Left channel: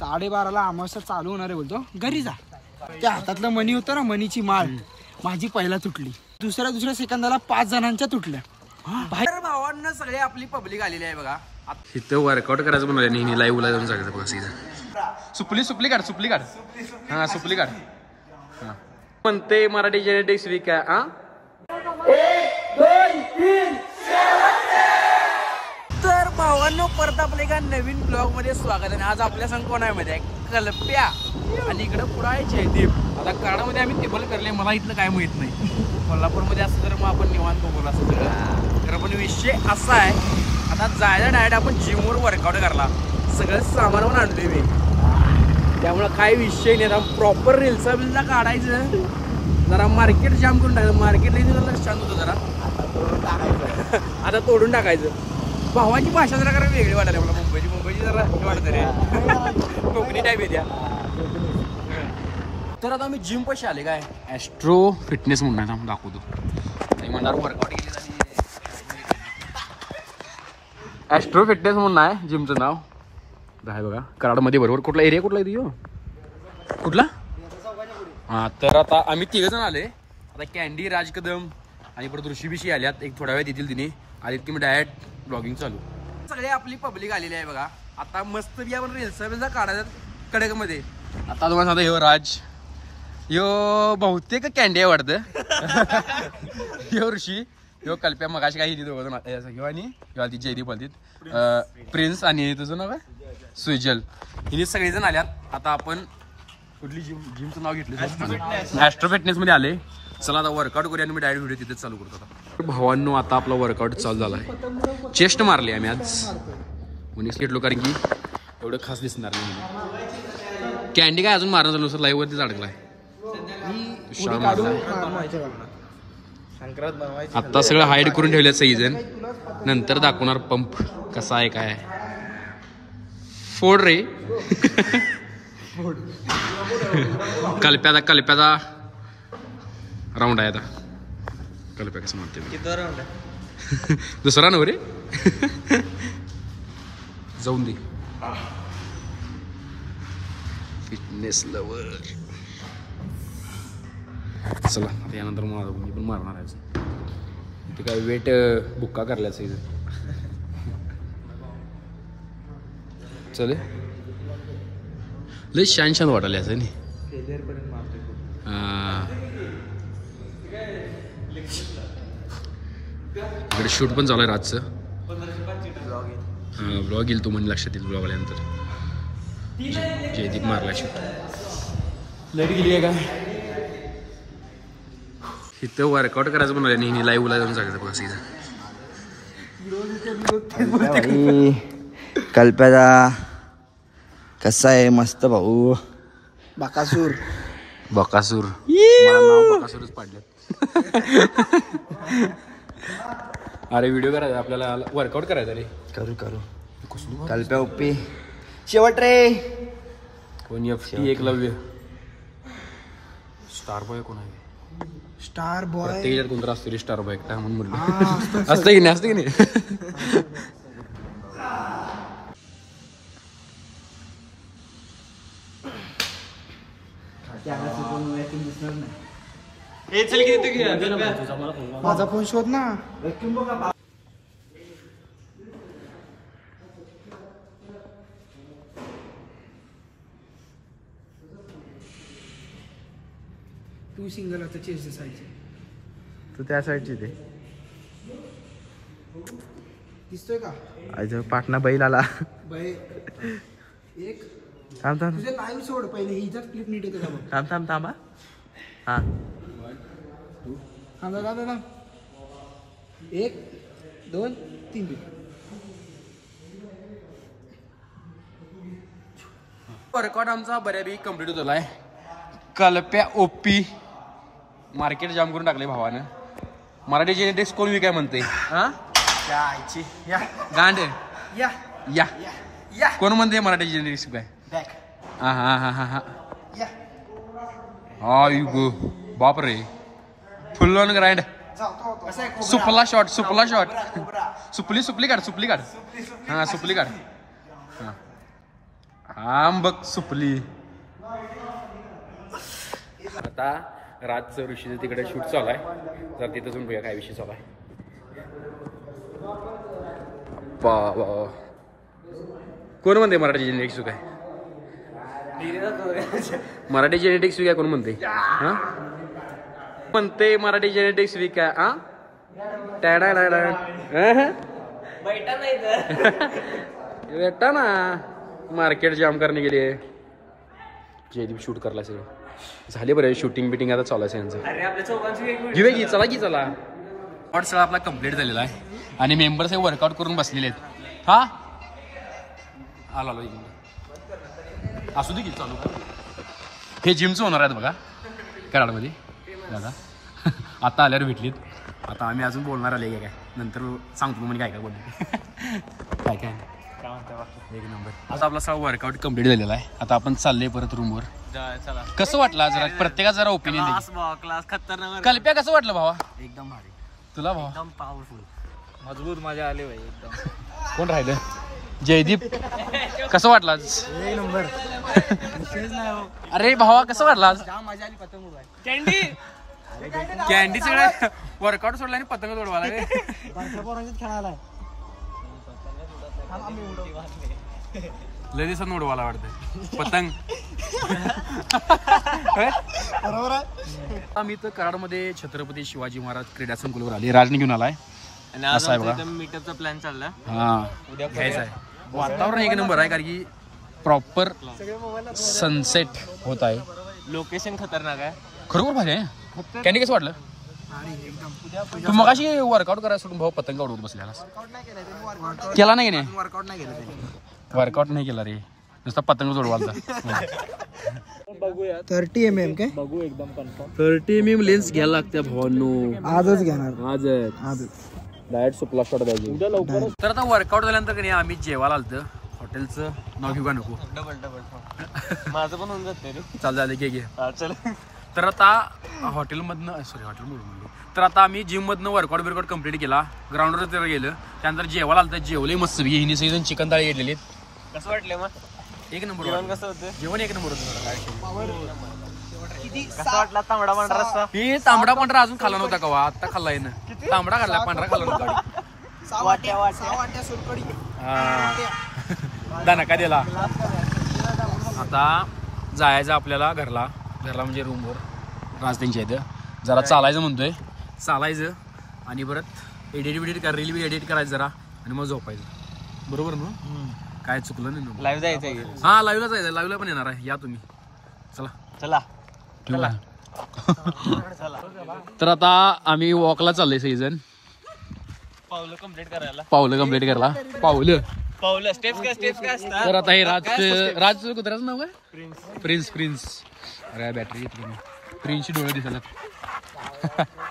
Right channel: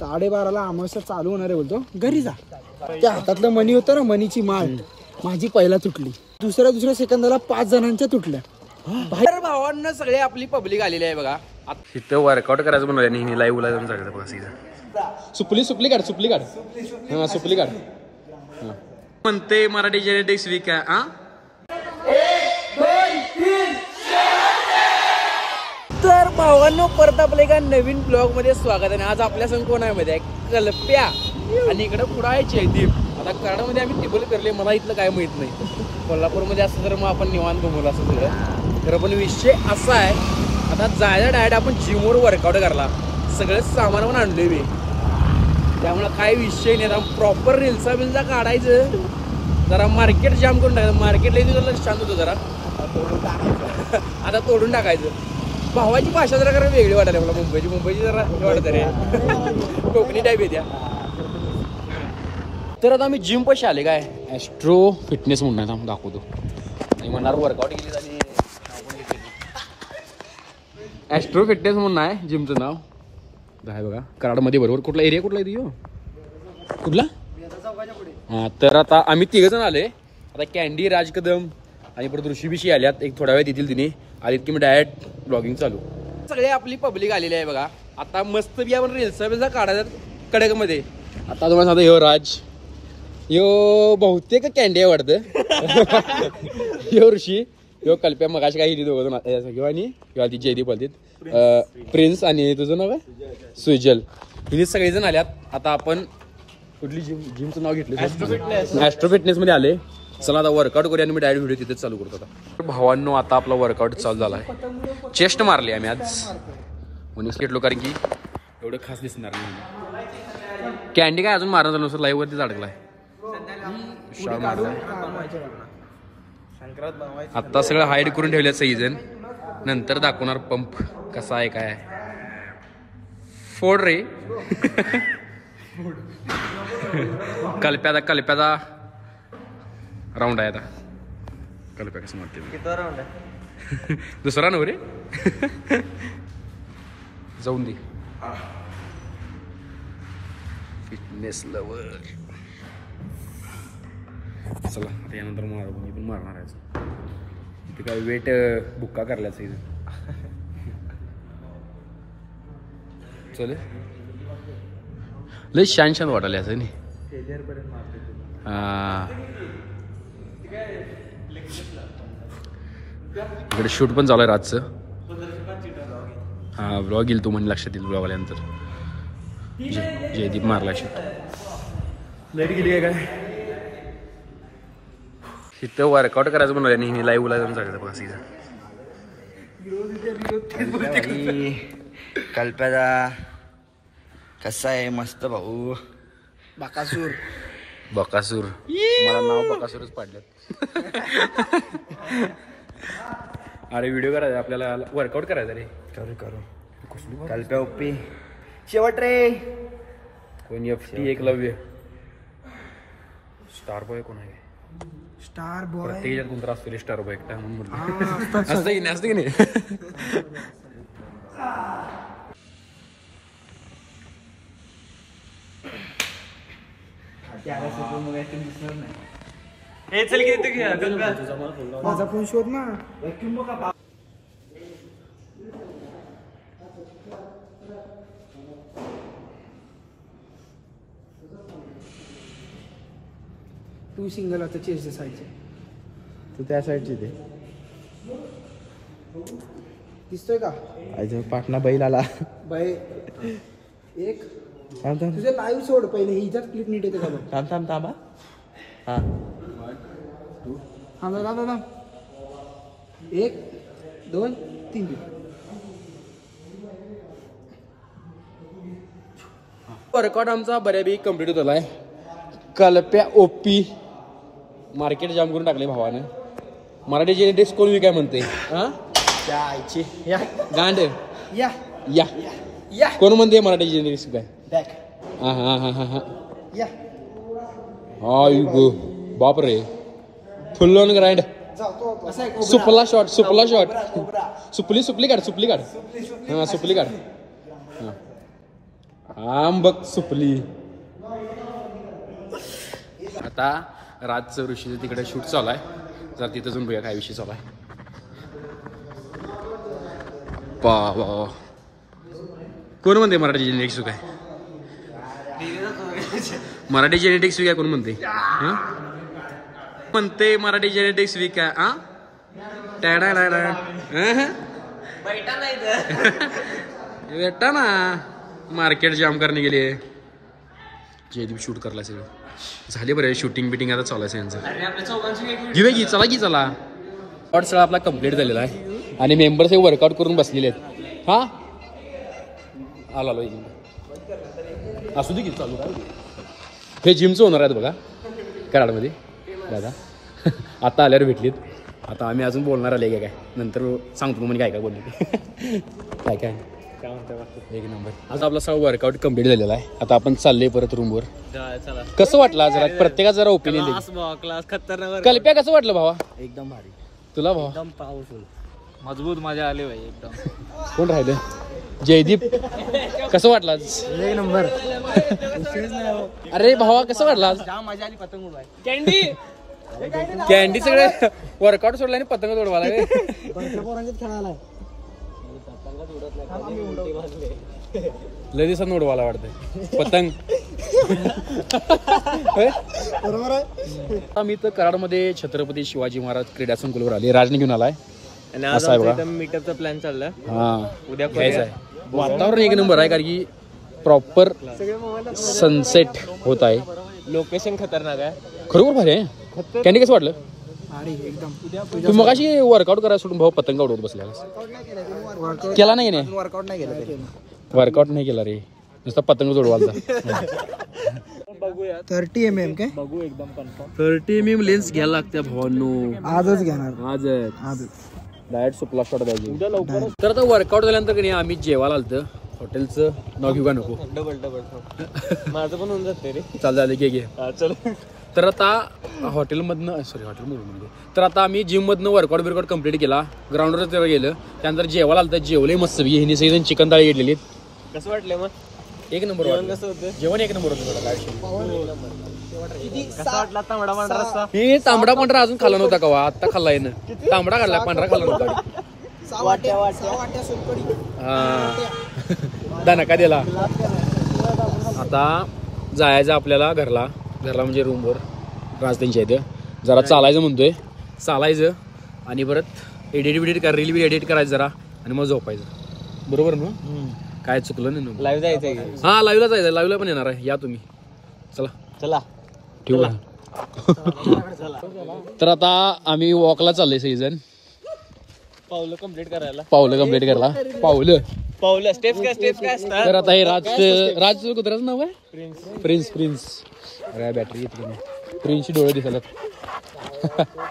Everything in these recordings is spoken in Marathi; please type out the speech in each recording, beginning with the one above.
12:30ला अमावस्या चालू होणार आहे बोलतो. घरी जा. त्या हातातलं मणी होतं ना, मनीची माळ माझी पहिला तुटली. दुसऱ्या सेकंदाला 5 जणांच्या तुटल्या. बाहेर भावांना सगळे आपली पब्लिक आलेली आहे बघा. इथं वर्कआउट करायचं म्हणून लाईव्हला जाऊन सांगायचं बघा. सीझन सुपली काढ हा सुपली काढ म्हणते मराठी जेनेटिक्स वीक आहे. हा 1 2 3 तर भावांनो परत आपल्या एका नवीन ब्लॉग मध्ये स्वागत आहे. आज आपल्या संग कोण आहे मध्ये आहे कल्प्या आणि इकडे पुढे आहे जयदीप. आता कराडामध्ये आम्ही टेबल करले, मला इथलं काय माहित नाही. कोल्हापूरमध्ये असं तर मग आपण निवांत घुमवलं असं सगळं. तर पण विषय असा आहे, आता जायला डायरेक्ट आपण जिमवर वर्कआउट करला. सगळं सामान पण आणलोय मी, त्यामुळे काय विषय नाही. आता प्रॉपर रिल्सा बिल्सा काढायचं, जरा मार्केट जाम करून टाकायचं. मार्केटला तुला शांत होतं जरा, आता तोडून टाकायचं. भावाची भाषा जरा कारण वेगळी वाटायला मला. मुंबईची जरा हे वाटत रे, कोकणी टाईप येत्या. तर आता आम्ही जिम पैसे आले काय ॲस्ट्रो फिटनेस म्हणून दाखवतो. मी म्हणणार वर्कआउट केली आणि ॲस्ट्रो फिटनेस म्हणून आहे जिमचं नाव. आहे बघा कराडमध्ये. बरोबर कुठला एरिया कुठला येतो कुठला? हां तर आता आम्ही 3 जण आले. आता कॅन्डी राज कदम आणि परत ऋषीबिशी आल्यात. एक थोड्या वेळ येतील तिने. आलीत की मी डायरेक्ट ब्लॉगिंग चालू. सगळे आपली पब्लिक आलेली आहे बघा. आता मस्त बी आपण रिल्सा बिल्सा काढायचं कडकमध्ये. आता तुम्हाला सांगतो ह्यो राज, ह्यो बहुतेक कॅन्डी आहे वाटतं. ह्यो ऋषी, ह्यो कल्प्या. मगाशी काही दोघं आणि किंवा ती जयदीप बोलतील. प्रिन्स आणि तुझं नाव आहे सुजल. हिने सगळेजण आल्यात. आता आपण कुठली जिमचं नाव घेतलं? ॲस्ट्रो फिटनेस मध्ये आले. चला आता वर्कआउट करूया आणि मी डायरेक्ट व्हिडिओ तिथेच चालू करतो. आता भावांनो आता आपला वर्कआउट चालू झाला आहे. चेस्ट मारली आम्ही आज म्हणून घेतलो, कारण की एवढं खास दिसणार नाही. कॅन्डी काय अजून मारणं झालं, लाईव्ह वरतीच अडकलाय. शाळ मारलाय. आता सगळं हाईड करून ठेवलं सगळीजण. नंतर दाखवणार पंप कसा आहे काय. फोड रे कल्प्याचा राऊंड आहे. आता कल्प्या कसं मारते मी. दुसरा नव रे. जाऊन दे फिटनेस लवर. चला आता यानंतर मी पण मारणार आहे. ते काय वेट बुक्का करल्या सगळं. चले लय शान वाटायला असं नाही. इकडे शूट पण चालू आहे रातचं. हा ब्लॉग येईल तू म्हणजे लक्षात येईल. ब्लॉग आल्यानंतर जयदीप मारला शूट. लाईट गेली आहे काय? इथं वर्कआउट करायचं म्हणून आणि लाईव्हला जाऊन सांगायचं बघा. सीझन कल्प्याचा कसा आहे? मस्त भाऊ. बकासूर मला नाव बकासूरच पाडलं. अरे व्हिडिओ करायचा आपल्याला, वर्कआउट करायचा रे. करू कल्प्या ओपी शेवट रे. कोण FT एकलव्य स्टार बॉय कोण आहे? स्टार बॉय प्रत्येक कोणतं असतो रे स्टार बॉय एकटा म्हणून म्हणलं. असतं की नाही? माझा फोन शोध ना. तू सिंगल आता चेस साईडचे, तू त्या साईडची ते दिसतोय का? पाटणा बैल आला. बाई एक थांब तुझे लाईव्ह सोड पहिले. हिच्यात क्लिप नीट येते का बघ. थांबा. हा 1 2 3 वर्कआउट आमचा बऱ्यापैकी कम्प्लीट होत आलाय. कल्प्या OP मार्केट जाम करून टाकले भावानं. मराठी जेनेटिक्स कोण विकाय म्हणते? हा गांड या कोण म्हणते मराठी जेनेटिक्स विकाय? हा गो बाप रे. Full on grind. सुपला शॉट सुपली काढ. हा सुपली काढ. आंबक सुपली. आता राजचं ऋषीचं तिकडे शूट चालू आहे. जर तिथं जाऊन बघूया काय विषय चालू आहे. कोण म्हणते मराठी जेनेटिक्स काय? मराठी जेनेटिक्स काय कोण म्हणते? हा म्हणते मराठी जेनेटिक्स वीक आहे. हा टॅडा बेटा ना मार्केट जाम करणे गेले. जयदीप शूट करला सगळं झाले बरं. शूटिंग बिटिंग आता चालू आहे यांचं. घेऊया की चला की चला. शॉर्ट सगळा आपला कम्प्लीट झालेला आहे आणि मेंबर्स हे वर्कआउट करून बसलेले आहेत. हा आलो असू दे की चालू काय. हे जिमचं होणार आहेत बघा कराडमध्ये दादा. आता आल्यावर भेटलीत. आता आम्ही अजून बोलणार आले काय नंतर सांगतो म्हणजे काय काय बोलले काय काय एक नंबर. आता आपला सगळा वर्कआउट कम्प्लीट झालेला आहे. आता आपण चालले परत रूमवर. कसं वाटलं जरा प्रत्येकाचा जरा ओपिनियन क्लास खतरनाक. कल्प्या कसं वाटलं भावा? एकदम भारी. तुला भावा? एकदम पॉवरफुल मजबूत मजा आली भाई एकदम. कोण राहिलं? जयदीप कसं वाटलं आज? एक नंबर. अरे भावा कसं वाटलं आज? मजा आली. पतंग उडवाय. कॅन्डी सगळे वर्कआउट सोडला आणि पतंग उडवायला. खेळायला लय दिवसात उडवायला वाटतं पतंग. मी तर कराडमध्ये छत्रपती शिवाजी महाराज क्रीडा संकुलवर आले. राजने घेऊन आलाय. मीटअपचा प्लॅन चालला. हा उद्या घ्यायचा आहे. वातावरण एक नंबर आहे कारण की प्रॉपर सनसेट होत आहे. लोकेशन खतरनाक आहे. खरोखर भारी आहे. कॅन्डी कसं वाटलं? एकदम. तू मगाशी वर्कआउट करायला सोडून भाऊ पतंग उडवत बसलेला केला नाही नाही? वर्कआउट नाही केलं तरी. वर्कआउट नाही केला रे नुसता पतंग उडवायला. बघूया 30 mm काय बघू एकदम कन्फर्म. 30 mm लेन्स घ्यायला लागते भावांनो. आजच घेणार. आजच डायरेक्ट सुपला शॉट द्यायची उद्या लवकर. तर आता वर्कआउट झाल्यानंतर की नाही आम्ही जेवायला आलतं. हॉटेलचं नाव घेऊ का नको? माझं पण होऊन जाते रे. चालतं घे. चल. तर आता हॉटेलमधनं म्हणलो तर आता आम्ही जिममधनं वर्कआउट बिरकआउट कम्प्लीट केला. ग्राउंडवर जरा गेलं. त्यानंतर जेवायला आलं. जेवले मस्त हिने सगळी चिकन थाळी घेतलेली. कसं वाटलं मग? एक नंबर. कसं होतं जेवण? एक नंबर होतं. काय कसं वाटला तांबडा पांढरा रस्सा? ही तांबडा पांढरा अजून खाल्ला नव्हता का? आता खाल्ला येणं. तांबडा खाल्ला पांढरा खाल्ला नव्हता. दानका दिला. आता जायचं आपल्याला घरला म्हणजे रूमवर. राज त्यांच्या इथं जरा चालायचं म्हणतोय. चालायचं आणि परत एडिट रील बी एडिट करायचं जरा आणि मग झोपायचं. बरोबर ना? काय चुकलं नाही. लाईव्ह जायचं. हा लाईव्हला जायचं. लाईव्हला पण येणार आहे. या तुम्ही. चला ठेवू. तर आता आम्ही वॉकला चाललोय सगळीजण. पावलं कम्प्लीट करायला. पावलं स्टेप्स काय असतात? तर आता हे राज कुत्र्याचं नाव आहे प्रिन्स. अरे बॅटरी येते नाही. प्रिन्सची डोळे दिसतात.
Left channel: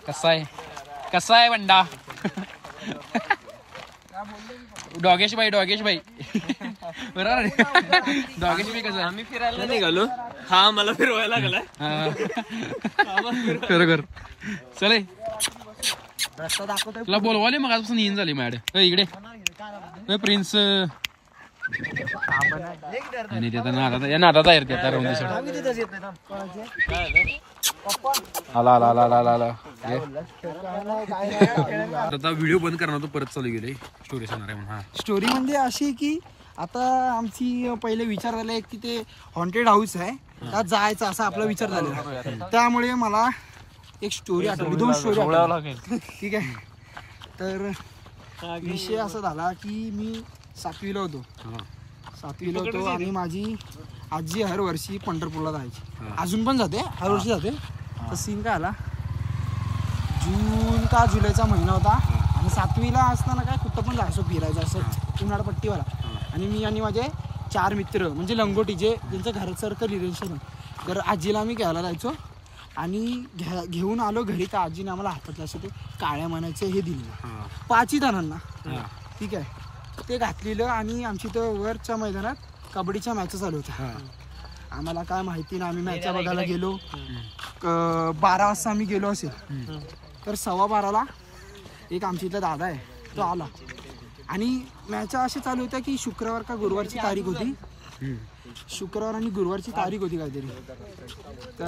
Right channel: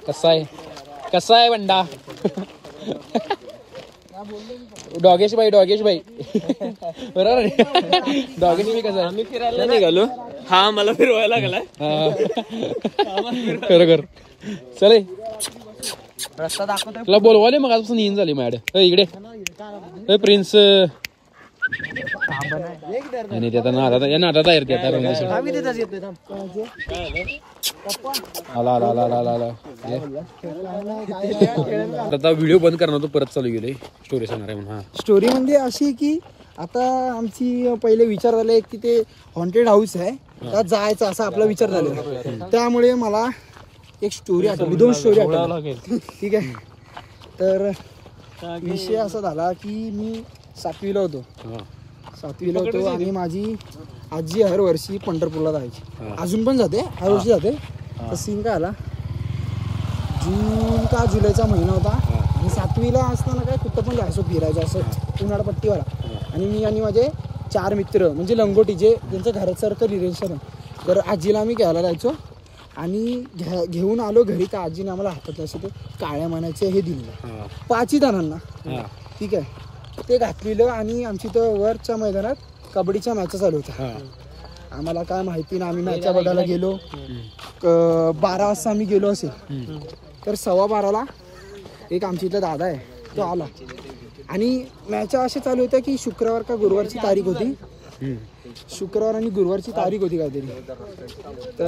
कसा आहे बंडा? डॉगेश भाई बरोबर. डॉगेश भाई कसा? आम्ही फिरायला निघालो. हा मला फिरवायला लागलाय. खरोखर चले. रस्ता दाखवतो. तुला बोलवाले मग आजपासून येईन झाली माझ्याकडे. इकडे प्रिन्स या नादात आहे आता राहून दिसून. आला. आता व्हिडिओ बंद करणार तो परत चालू गेले. स्टोरी सांगणार आहे म्हणून. स्टोरी म्हणजे अशी की आता आमची पहिले विचार झाले की ते हॉन्टेड हाऊस आहे त्यात जायचं असा आपला विचार झालेला. त्यामुळे मला एक स्टोरी आठवली. 2 स्टोरी आठवली. ठीक आहे. तर विषय असा झाला की मी 7वीला होतो आणि माझी आजी हर वर्षी पंढरपूरला जायची. अजून पण जाते. हर वर्षी जाते. तर सीन काय आला, जून का जुलैचा महिना होता आणि 7वीला असताना काय कुठं पण जायचो फिरायचं असं उन्हाळपट्टीवाला. आणि मी आणि माझे 4 मित्र म्हणजे लंगोटीचे ज्यांचं घरासारखं रिलेशन आहे. तर आजीला आम्ही घ्यायला जायचो आणि घेऊन आलो घरी. तर आजीने आम्हाला हातातले असे ते काळ्या मानाचे हे दिलेलं 5 जणांना. ठीक आहे. ते घातलेलं आणि आमची तर वरच्या मैदानात कबड्डीच्या मॅच चालू होत्या. आम्हाला काय माहिती ना. आम्ही मॅच बघायला गेलो. 12 वाजता आम्ही गेलो असेल. तर 12:15ला एक आमच्या इथला दादा आहे तो आला आणि मॅच असे चालू होत्या की शुक्रवार का गुरुवारची तारीख होती. शुक्रवार आणि गुरुवारची तारीख होती काहीतरी. तर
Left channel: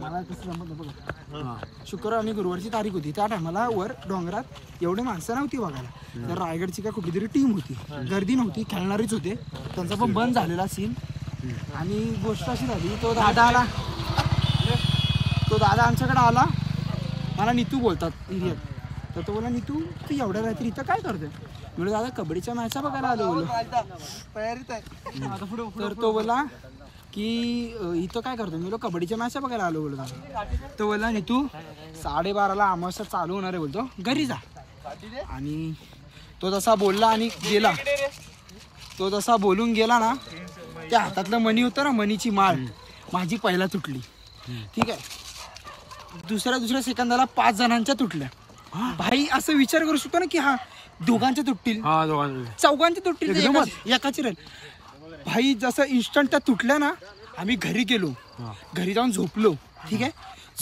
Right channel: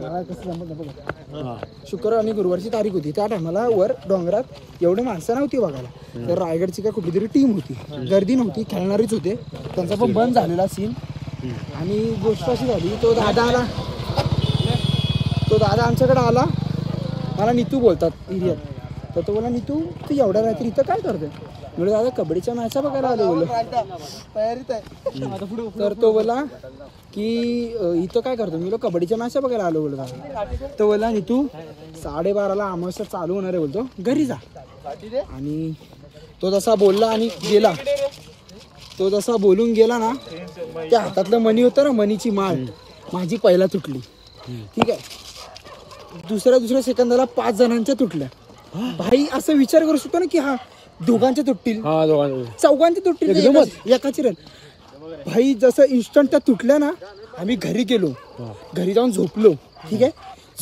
मला कसं जमत नाही बघा. शुक्रवार आणि गुरुवारची तारीख होती. त्या टायमाला वर डोंगरात एवढे माणसं नव्हती बघायला. तर रायगडची काय कुठली तरी टीम होती, गर्दी नव्हती, खेळणारीच होते. त्यांचा पण बंद झालेला सीन. आणि गोष्ट अशी झाली, तो दादा आमच्याकडे आला. मला नीतू बोलतात हिरियर. तर तो बोला, नीतू तू एवढ्या रात्री इथं काय करतोय? बोललो दादा कबड्डीच्या मॅचा बघायला आलो बोललो. तर तो बोला की इथं काय करतो? मी बोललो कबड्डीच्या मॅचा बघायला आलो बोललो दादा. तो बोला नीतू 12:30ला अमावस्या चालू होणार आहे बोलतो, घरी जा. आणि तो तसा बोलला आणि गेला. तो जसा बोलून गेला ना, त्या हातातलं मणी होतं ना, मनीची माळ माझी पहिला तुटली. ठीक आहे. दुसऱ्या सेकंदाला 5 जणांच्या तुटल्या. भाई असं विचार करू शकतो ना की हा दोघांच्या तुटतील, चौघांच्या तुटतील, एकाची रेल. भाई जसं इन्स्टंट त्या तुटल्या ना, आम्ही घरी गेलो. घरी जाऊन झोपलो. ठीक आहे.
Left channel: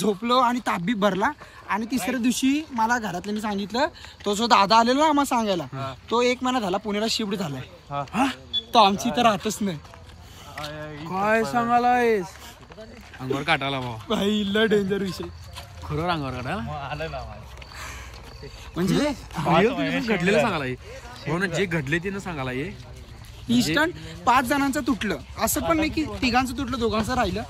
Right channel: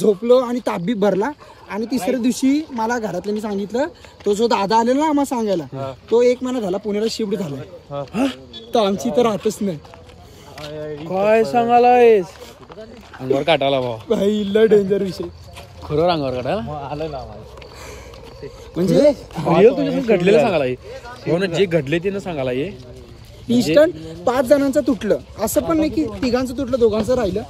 झोपलो आणि ताबी भरला. आणि तिसऱ्या दिवशी मला घरातल्यांनी सांगितलं, तो जो दादा आलेला ना आम्हाला सांगायला, तो 1 महिना झाला पुण्याला शिफ्ट झालाय. तर आमची तर राहतच नाही. काय सांगायलायस? अंगावर काटाला भाऊ. भाई लय डेंजर विषय. खरं अंगावर काटायला म्हणजे घडलेलं सांगायला भाऊ ना, जे घडले ते ना सांगायला ये. इन्स्टंट 5 जणांचं तुटलं. असं पण नाही की तिघांचं तुटलं, दोघांचं राहिलं,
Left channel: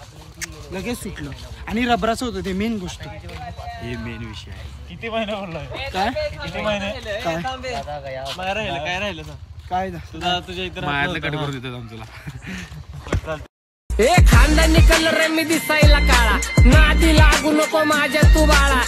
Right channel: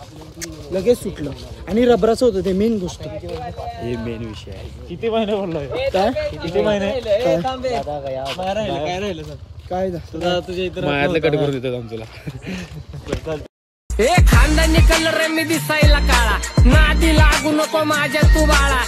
लगेच सुटलं. आणि रबराचं होतं ते मेन गोष्ट. हे मेन विषय आहे. किती महिने बोललोय? काय किती महिने? काय काय राहिलं सर? काय तुझ्या इथं मायातलं कट करून देतात आमच्याला. खानदानी कलर मी दिसायला काळा, नादी लागू नको माझ्या तू बाळा.